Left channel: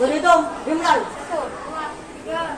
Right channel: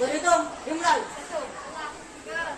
Berhitung, dimulai. Satu, dua, tiga.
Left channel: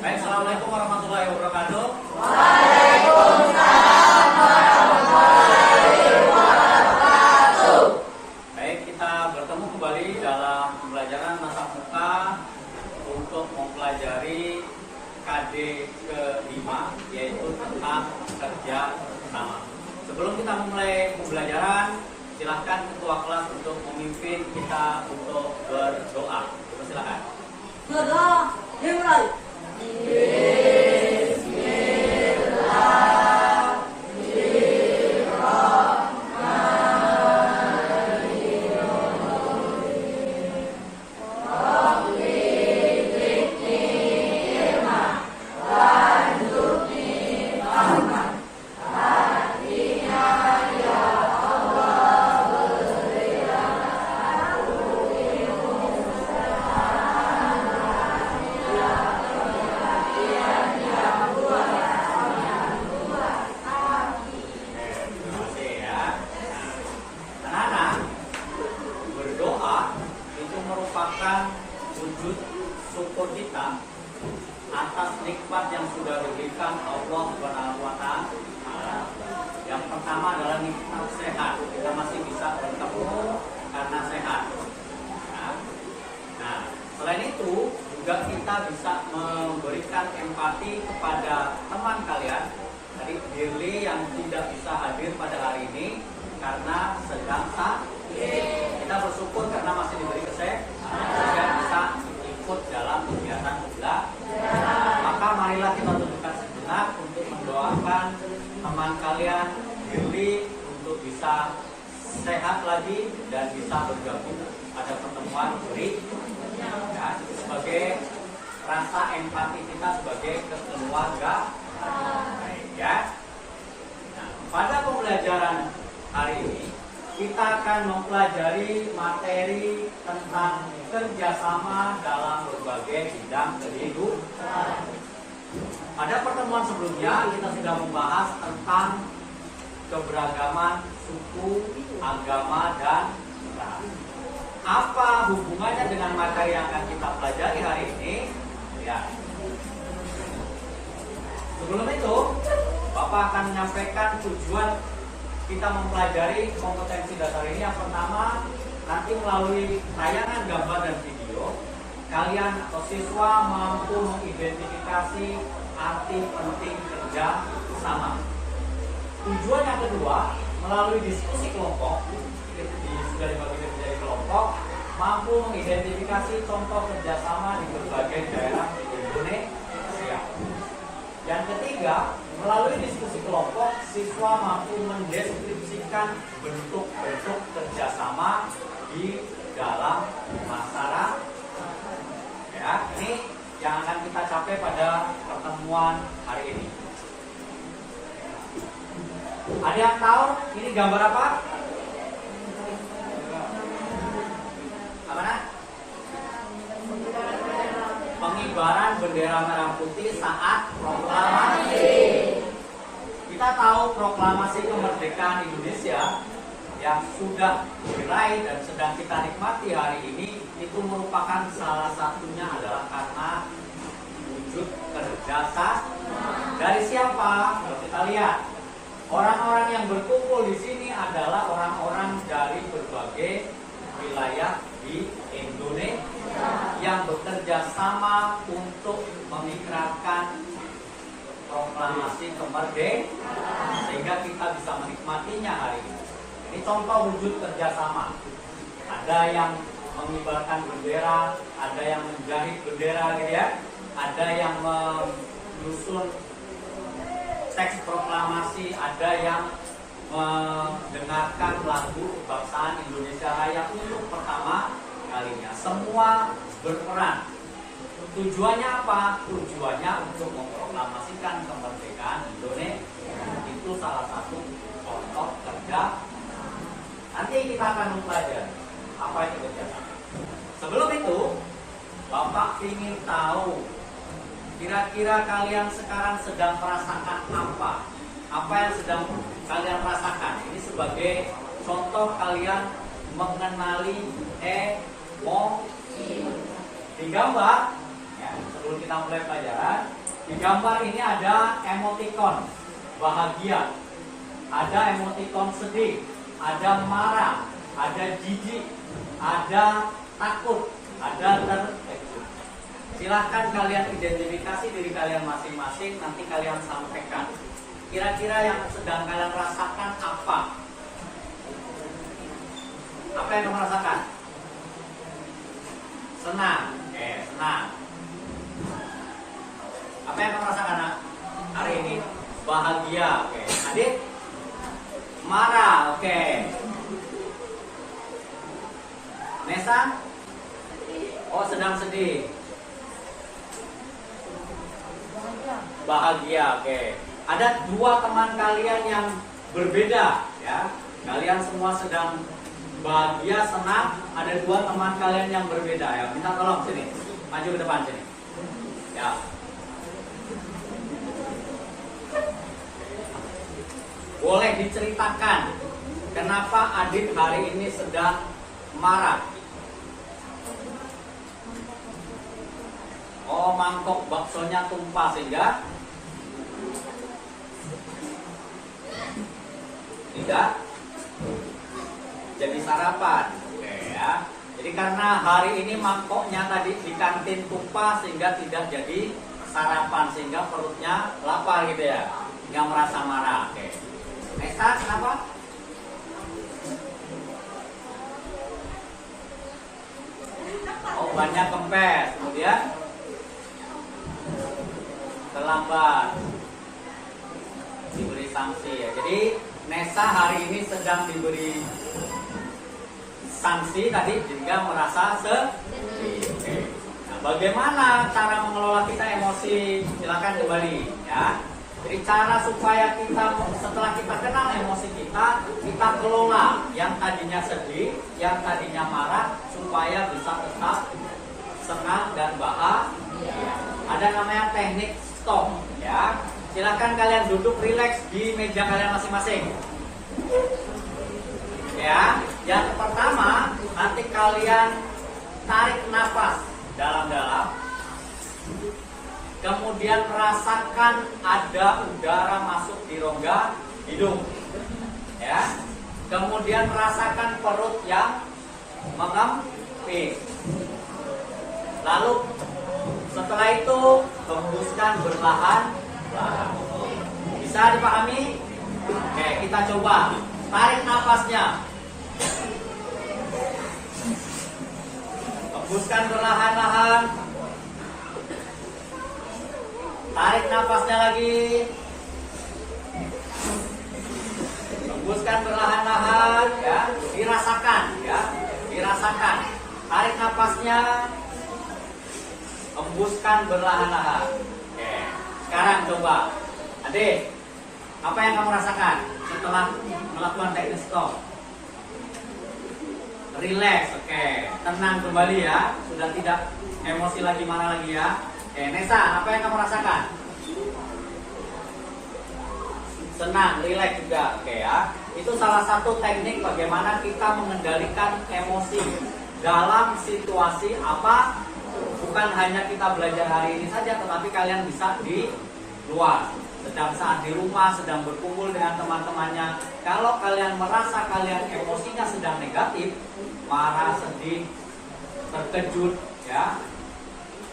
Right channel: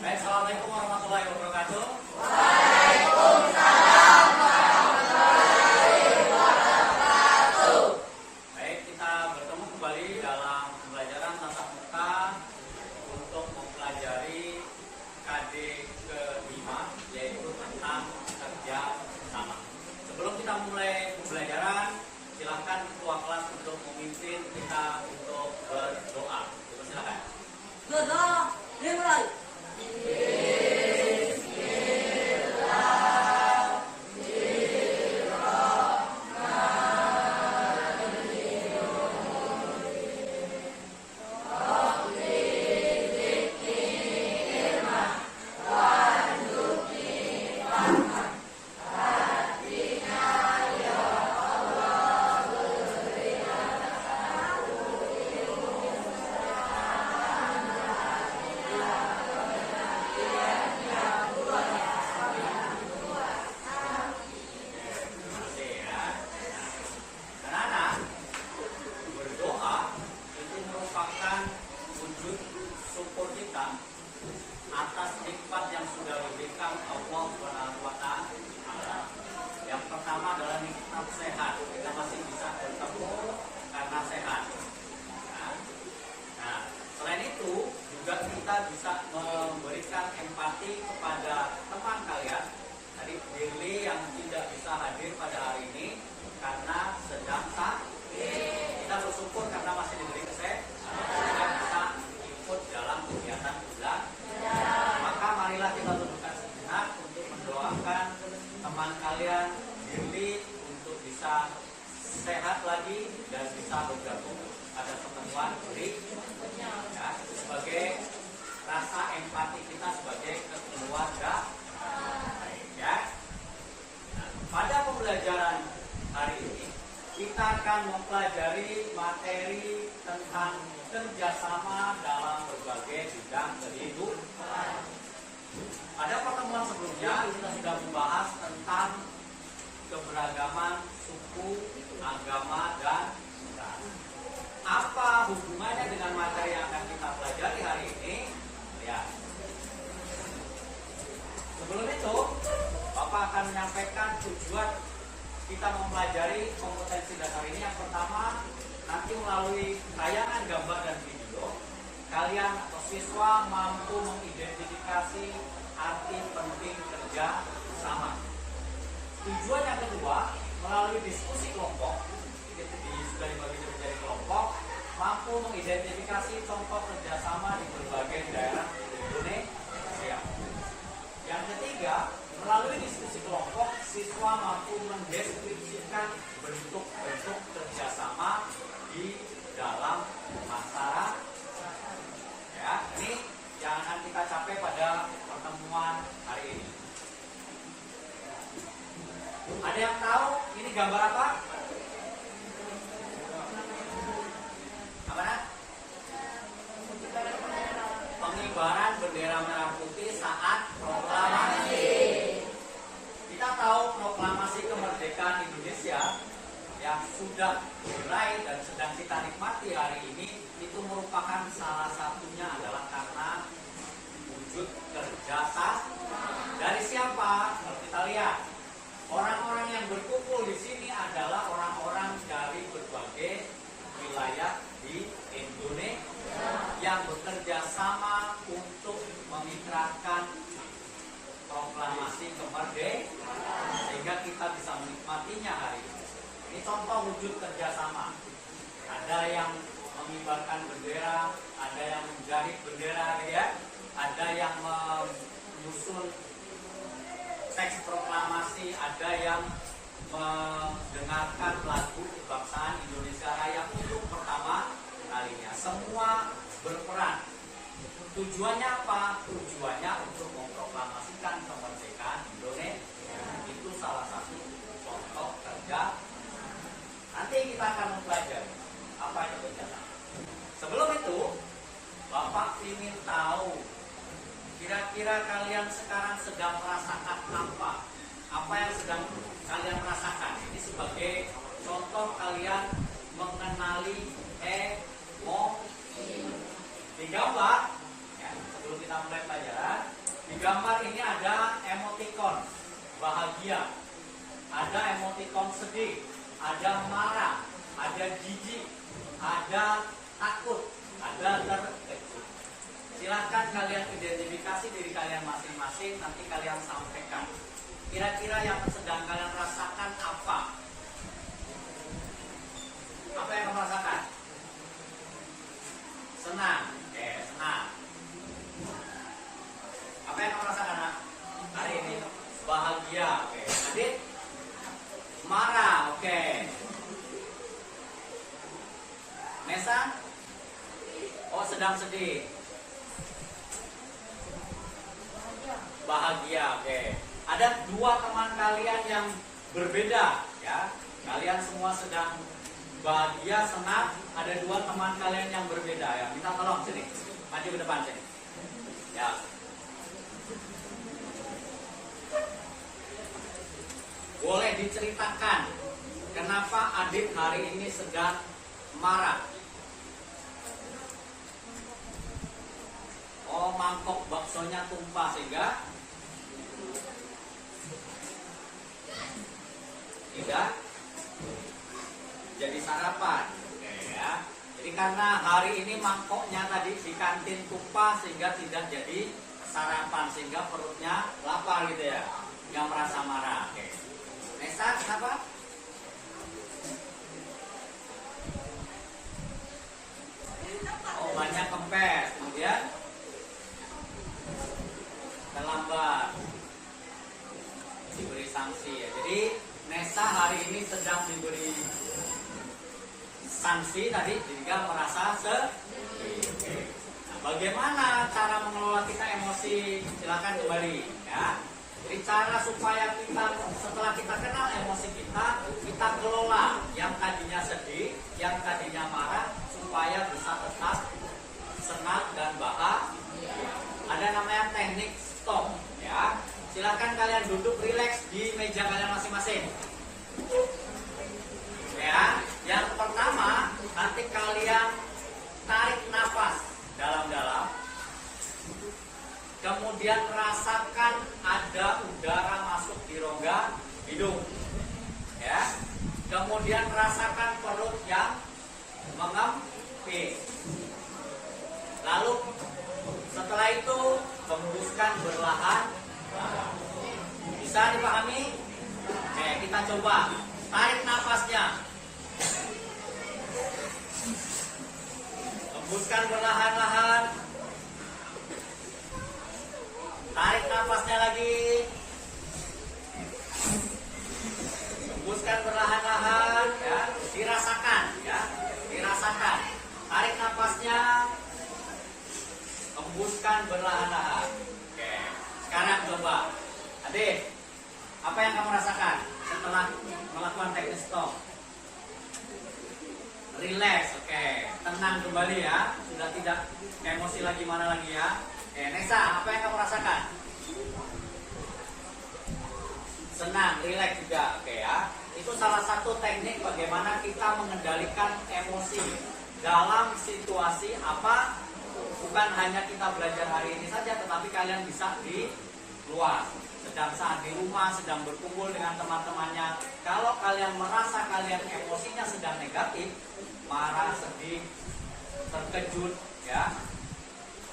Baik, assalamualaikum warahmatullahi wabarakatuh. Baik, kita bertemu kembali dalam pembelajaran tatap muka untuk mempelajari KD ke-5, yaitu tentang kerja sama. Sebelum kita memulai pembelajaran, silahkan ketua kelas untuk memimpin kita untuk berdoa. Coba silakan. Berdoa, dimulai. Terima kasih ya. Nah, anak-anak, berdoa itu merupakan wujud syukur kita atas nikmat yang sudah diberikan Allah Subhanahu wa Ta'ala. Yang pertama adalah nikmat sehat. Kita masih bisa bertemu karena sehat. Nah, selain itu juga kita bisa memberikan empati kepada teman kalian. Tadi Dirli yang tidak bisa hadir pada hari ini karena sedang sakit. Kita bersyukur karena masih diberi kesehatan sehingga bisa ikut dalam kegiatan belajar. Maka marilah kita tundukkan sejenak untuk mendoakan teman kalian Dirli untuk bisa sehat lagi dan bisa bergabung pada pertemuan berikutnya. Ya, itu sebagai rasa empati kita sebagai keluarga. Baik ya. Nah, pada pembelajaran hari ini kita akan mempelajari materi tentang kerjasama dalam berbagai bidang kehidupan. Pada pertemuan sebelumnya kita sudah membahas tentang keberagaman suku, agama, dan ras. Apa hubungannya dengan materi yang akan kita pelajari hari ini? Ya. Sebelum itu, Bapak akan menyampaikan tujuan kita mempelajari kompetensi dasar ini. Yang pertama, nanti melalui tayangan gambar dan video, kalian atau siswa mampu mengidentifikasi arti penting kerja sama. Tujuan yang kedua, melalui diskusi kelompok, sudah dibagi menjadi kelompok, mampu mengidentifikasi contoh kerjasama di berbagai daerah di Indonesia. Yang ketiga, melalui diskusi kelompok, siswa mampu mendeskripsikan bentuk-bentuk kerjasama di dalam masyarakat. Ya, ini yang akan kita capai pada pertemuan hari ini. Ada yang tahu ini gambar apa? Apa nak? Pengibaran bendera merah putih saat proklamasi. Kita tahu proklamasi kemerdekaan Indonesia yang sudah diraih dan sedang kita nikmati hari ini itu merupakan salah satunya adalah karena wujud kerjasama dari siapa? Kalau kita lihat, orang-orang yang berkumpul di sini adalah orang-orang dari berbagai wilayah di Indonesia yang bekerja sama untuk mengikrarkan proklamasi kemerdekaan sehingga kita bisa menikmatinya hari ini. Ini contoh wujud kerjasama. Ada yang mengibarkan bendera, ada yang menjahit bendera, gitu ya. Ada yang menyusun teks proklamasi, ada yang mendengarkan lagu kebangsaan Indonesia Raya untuk pertama kalinya. Semua berperan. Tujuannya apa? Tujuannya untuk memproklamasikan kemerdekaan Indonesia. Itu salah satu contoh kerja. Nanti kita akan mempelajari apa itu kerjasama. Sebelum itu, Bapak ingin tahu kira-kira kalian sekarang sedang merasakan apa? Apa yang sedang kalian rasakan? Ini sebagai contoh kalian mengenali emosi. Di gambar, ya, sebelum kita mulai pelajaran, di gambar ini ada emoticon bahagia, ada emoticon sedih, ada marah, ada jijik, ada takut, ada terkejut. Silahkan kalian identifikasi diri kalian masing-masing, nanti kalian sampaikan. Kira-kira yang sedang kalian rasakan apa? Apa yang kamu rasakan? Senang. Oke, senang. Apa yang kamu rasakan hari ini? Bahagia. Oke. Adik? Marah. Oke. Nesa? Oh, sedang sedih. Bahagia. Oke. Ada dua teman kalian yang berbeda, ya. Kalian semua sedang bahagia, senang. Ada dua teman kalian yang berbeda, ya. Minta tolong sini, maju ke depan sini, ya. Boleh diceritakan kenapa Adit hari ini sedang marah? Oh, mangkok baksonya tumpah sehingga tidak jadi sarapan. Oke, ya. Jadi karena hari ini mangkoknya tadi di kantin tumpah sehingga tidak jadi sarapan, sehingga perutnya lapar gitu ya, nggak merasa marah. Oke. Nesa, kenapa? Oh, banyak kempes. Kemudian terlambat, diberi sanksi ya. Jadi Nesa hari ini sedang diberi sanksi tadi sehingga merasa sedih. Oke. Nah, bagaimana cara mengelola kita emosi? Silakan kembali ya. Jadi cara supaya kita setelah kita kenal emosi kita kelola yang tadinya sedih, yang tadinya marah supaya bisa tetap senang dan bahagia. Ada namanya teknik stop ya. Silakan kalian duduk rileks di meja kalian masing-masing. Ya, yang pertama nanti kalian tarik nafas dalam-dalam. Kemudian rasakan ada udara masuk di rongga hidung. Ya. Kemudian rasakan perut yang mengempis. Lalu setelah itu hembuskan berlahan. Bisa dipahami? Oke, kita coba. Tarik nafasnya. Hembuskan berlahan-lahan. Tarik nafasnya lagi. Hembuskan berlahan-lahan ya, dirasakan ya, dirasakan. Tarik nafasnya. Hembuskan berlahan-lahan. Oke. Sekarang coba. Adik, apa yang kamu rasakan setelah melakukan teknik stop? Relax, oke. Tenang kembali ya. Sudah tidak emosi lagi, mana lagi ya. Oke, Nesa, apa yang kamu rasakan? Senang, relax juga, oke ya. Itu salah satu teknik bagaimana kita mengendalikan emosi dalam situasi apa. Bukan hanya kita belajar hari ini saja, tetapi kalian bisa di luar. Sedang saat di rumah, sedang berkumpul dengan teman-temannya. Kalau kalian merasa kalian emosinya sedang negatif, marah, sedih, terkejut, ya,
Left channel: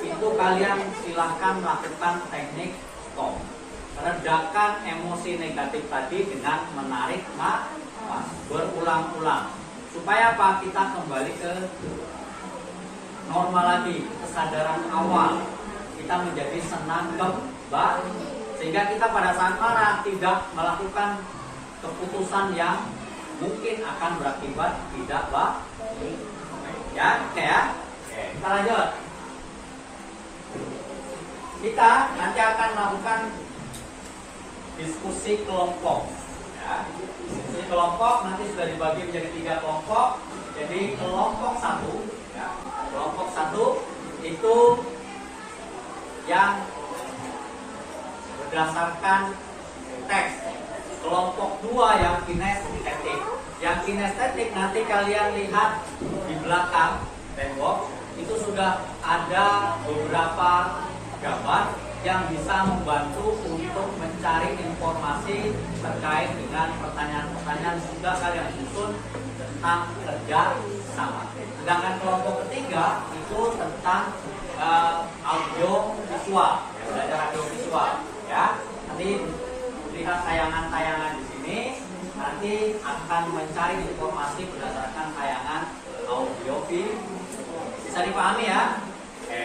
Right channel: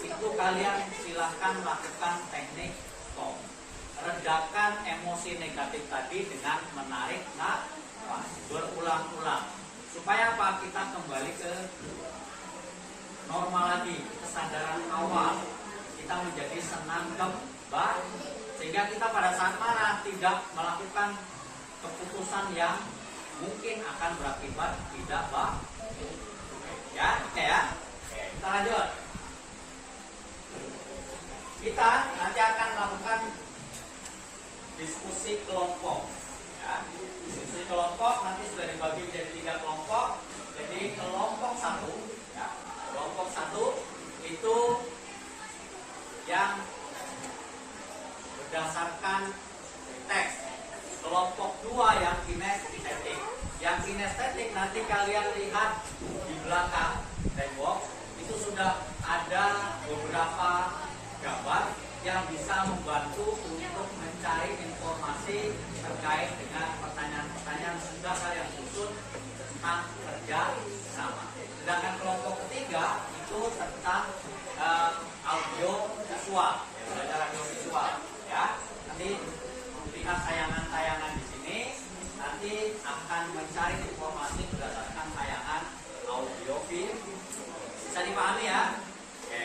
itu kalian silahkan melakukan teknik stop. Redakan emosi negatif tadi dengan menarik nafas berulang-ulang. Supaya apa? Kita kembali ke normal lagi, kesadaran awal. Kita menjadi senang kembali. Sehingga kita pada saat marah tidak melakukan keputusan yang mungkin akan berakibat tidak baik. Ya, oke ya. Oke, kita lanjut. Kita nanti akan melakukan diskusi kelompok. Ya, diskusi kelompok nanti sudah dibagi menjadi 3 kelompok. Jadi kelompok 1, ya. 1 itu yang berdasarkan teks. Kelompok 2 yang kinestetik. Yang kinestetik nanti kalian lihat di belakang tembok itu sudah ada beberapa gambar yang bisa membantu untuk mencari informasi terkait dengan pertanyaan-pertanyaan yang sudah kalian susun tentang kerja sama. Sedangkan kelompok ketiga itu tentang audio visual, belajar audio visual, ya. Nanti lihat tayangan-tayangan di sini, nanti akan mencari informasi berdasarkan tayangan audio visual. Bisa dipahami ya? Oke.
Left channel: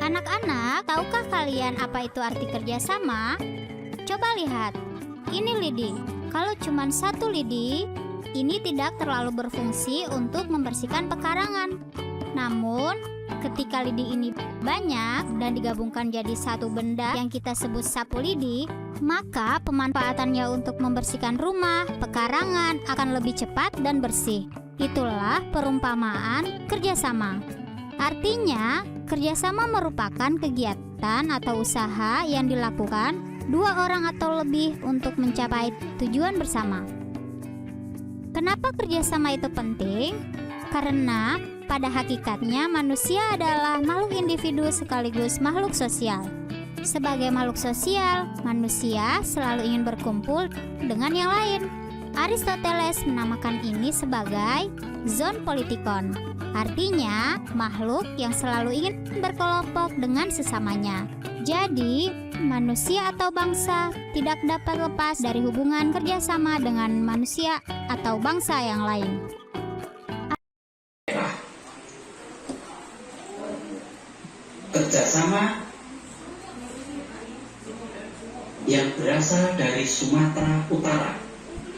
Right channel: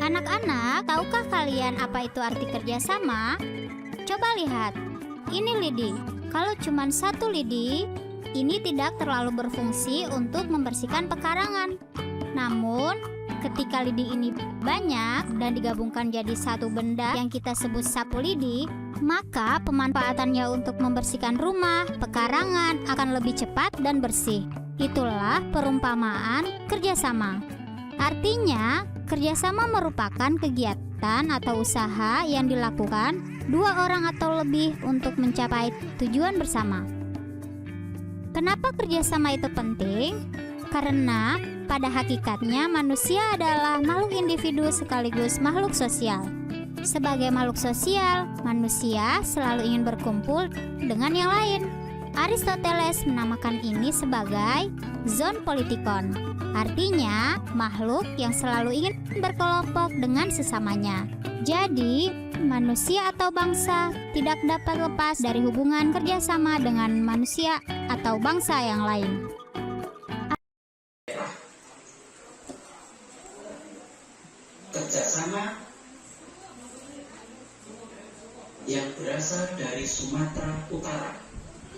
Anak-anak, tahukah kalian apa itu arti kerjasama? Coba lihat, ini lidi. Kalau cuma satu lidi, ini tidak terlalu berfungsi untuk membersihkan pekarangan. Namun, ketika lidi ini banyak dan digabungkan jadi satu benda yang kita sebut sapu lidi, maka pemanfaatannya untuk membersihkan rumah, pekarangan akan lebih cepat dan bersih. Itulah perumpamaan kerjasama. Artinya, kerjasama merupakan kegiatan atau usaha yang dilakukan 2 orang atau lebih untuk mencapai tujuan bersama. Kenapa kerjasama itu penting? Karena pada hakikatnya manusia adalah makhluk individu sekaligus makhluk sosial. Sebagai makhluk sosial, manusia selalu ingin berkumpul dengan yang lain. Aristoteles menamakan ini sebagai zoon politikon. Artinya, makhluk yang selalu ingin berkelompok dengan sesamanya. Jadi, manusia atau bangsa tidak dapat lepas dari hubungan kerjasama dengan manusia atau bangsa yang lain. Kerjasama yang berasal dari Sumatera Utara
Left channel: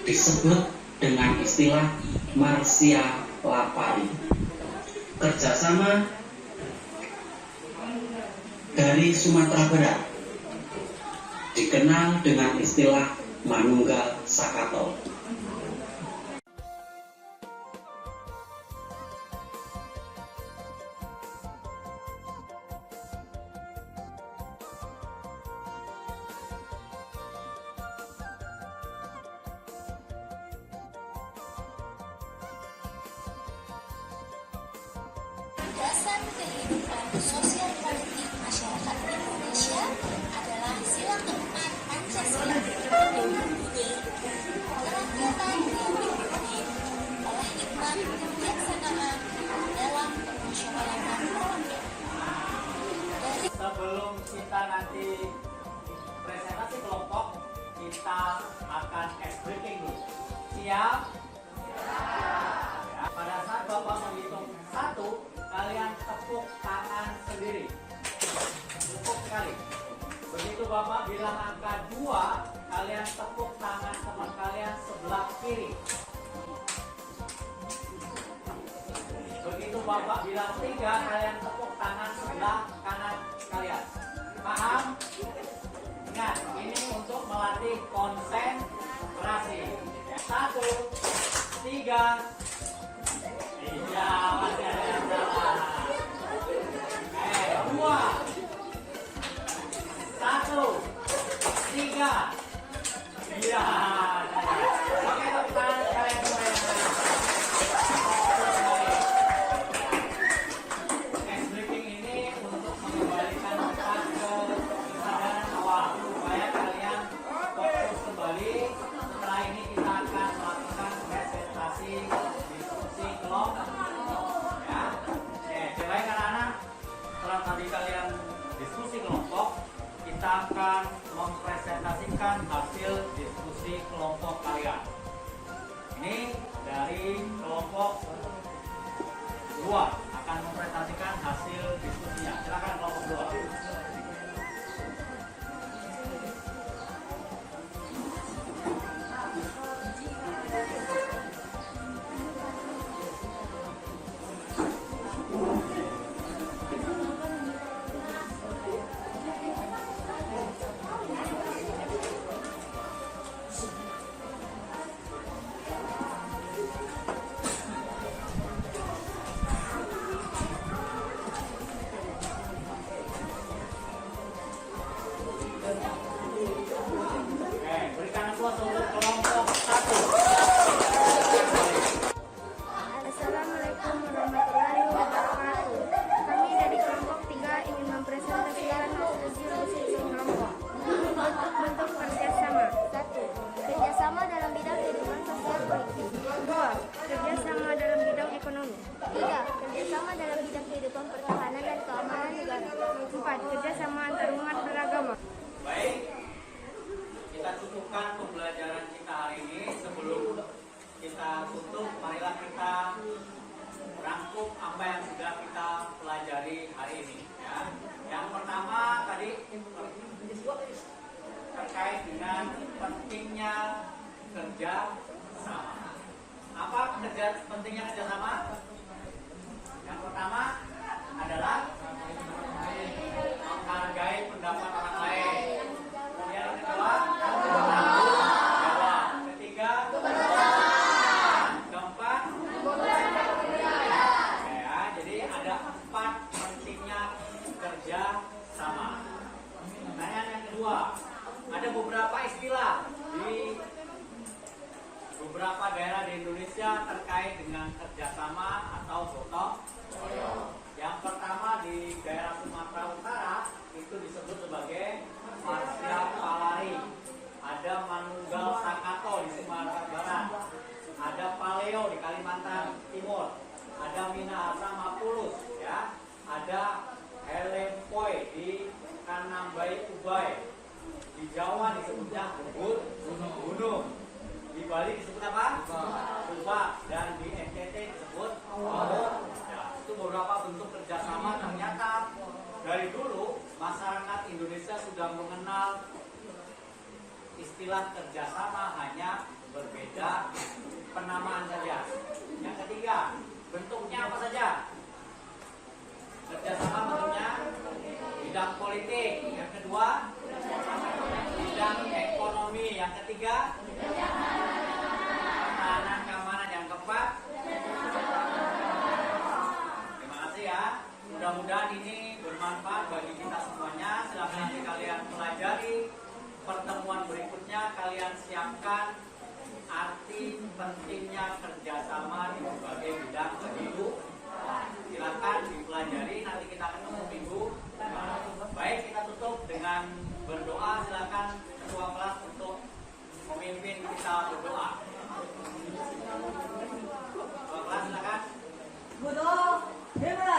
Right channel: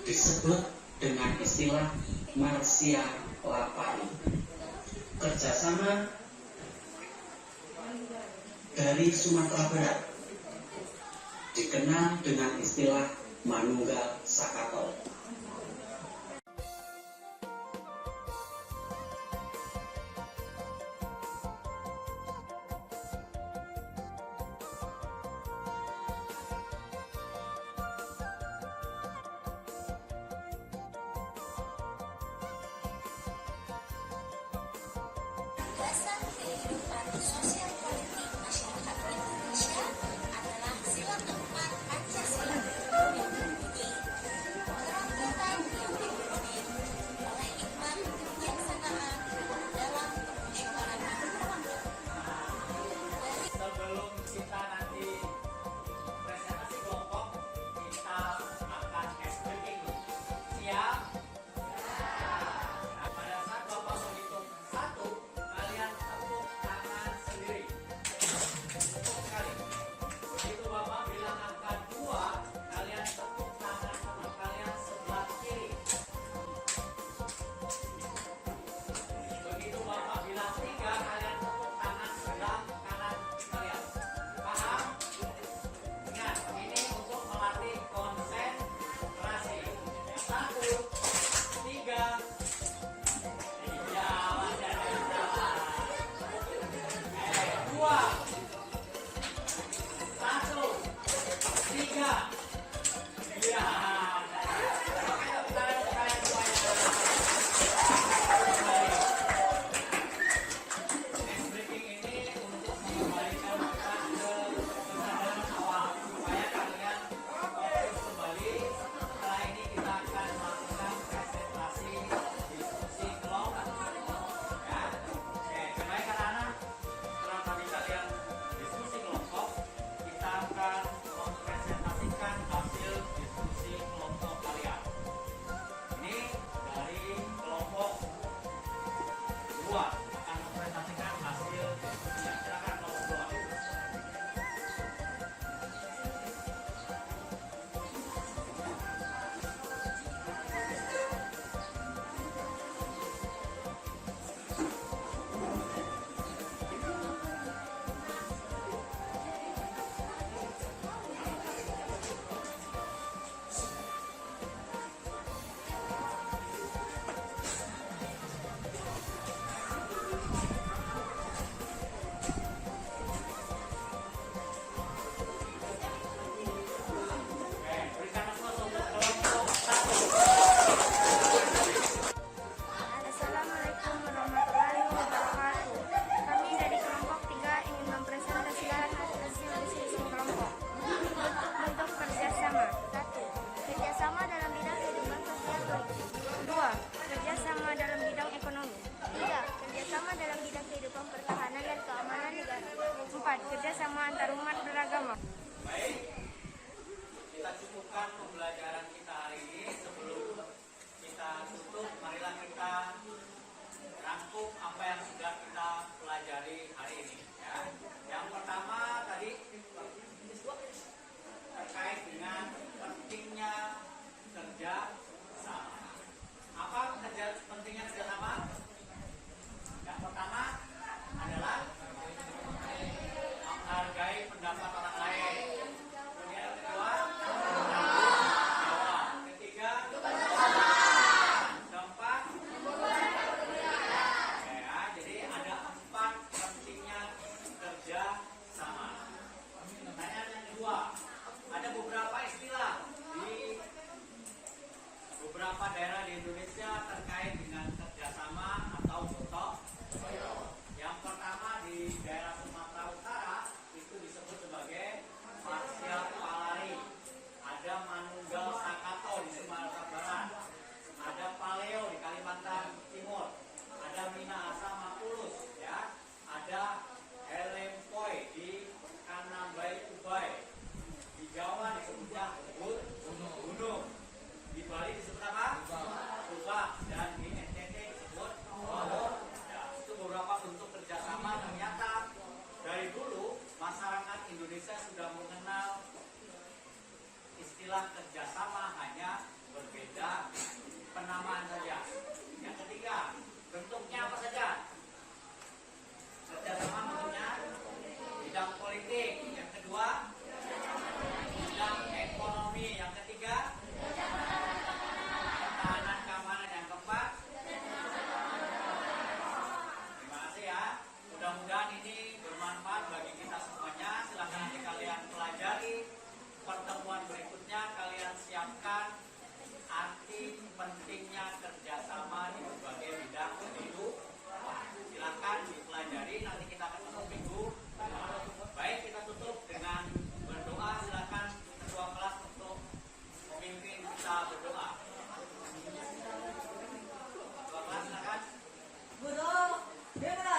disebut dengan istilah Marsia Lapari. Kerjasama dari Sumatera Barat dikenal dengan istilah Manunggal Sakato. Dasar kehidupan sosial politik masyarakat Indonesia adalah sila keempat Pancasila yang berbunyi kerakyatan yang dipimpin oleh hikmat kebijaksanaan dalam permusyawaratan rakyat. Sebelum kita nanti presentasi kelompok, kita akan ice breaking dulu. Siap? Pada saat Bapak menghitung 1, kalian tepuk tangan sendiri. Tepuk sekali. Begitu Bapak bilang angka 2, kalian tepuk tangan teman kalian sebelah kiri. Begitu Bapak bilang 3, kalian tepuk tangan sebelah kanan kalian. Paham? Ingat, ini untuk melatih konsentrasi. 1, 3. Iya, masih ada yang jalan. 2, 1, 3. Iya. Oke, tepuk tangan kalian semua yang next briefing ini untuk mengembalikan kita ke kesadaran awal supaya kalian fokus kembali. Setelah ini kita akan melakukan presentasi diskusi kelompok. Ya, oke. Baik anak-anak, setelah tadi kalian diskusi kelompok, kita akan mempresentasikan hasil diskusi kelompok kalian. Ini dari kelompok 2 akan mempresentasikan hasil diskusinya. Silakan kelompok 2. menunjang kehidupan pertahanan dan keamanan negara. 4. Kerjasama antar umat beragama. Baik, kita cukupkan pembelajaran kita hari ini. Sebelum kita tutup, marilah kita rangkum apa yang sudah kita pelajari hari ini. Ya. Yang pertama tadi terkait dengan pentingnya kerja sama. Apa pentingnya kerja sama? Yang pertama adalah menghargai pendapat orang lain. Kemudian yang kedua, bertanggung jawab. Ketiga, keempat, ya, jadi ada 4 pentingnya kerja sama. Pertanyaan yang kedua, ada beberapa istilah di beberapa daerah di Indonesia terkait dengan kerjasama atau gotong royong. Yang pertama di daerah Sumatera Utara itu disebut sebagai Marsiap Palari. Ada Manunggal Sakato di Sumatera Barat. Ada Paleo di Kalimantan Timur. Ada Minahasa Mapulus, ya. Ada Helempoi di Kanambai Ubay. Di Jawa disebutnya Ubud Gunung. Di Bali disebut apa? Subak. Dan di NTT disebut Laut. Ya, itu beberapa bentuk kerjasama. Ternyata dari dulu masyarakat Indonesia sudah mengenal istilah kerjasama, hanya berbeda penamaan saja. Yang ketiga, bentuknya apa saja? Kerjasama bentuknya bidang politik. Yang kedua, bidang ekonomi. Yang ketiga, pertahanan keamanan. Yang keempat, terima kasih ya. Mudah-mudahan ini bermanfaat bagi kita semuanya. Silakan nanti kalian pelajari. Pertemuan berikutnya kalian siapkan arti pentingnya kerjasama di berbagai bidang kehidupan. Silakan dipelajari. Nanti kita ketemu minggu depan. Baik, kita tutup dengan berdoa. Silakan ketua kelas untuk memimpin kita berdoa. Ketua kelas silakan. Bodoh, himrali.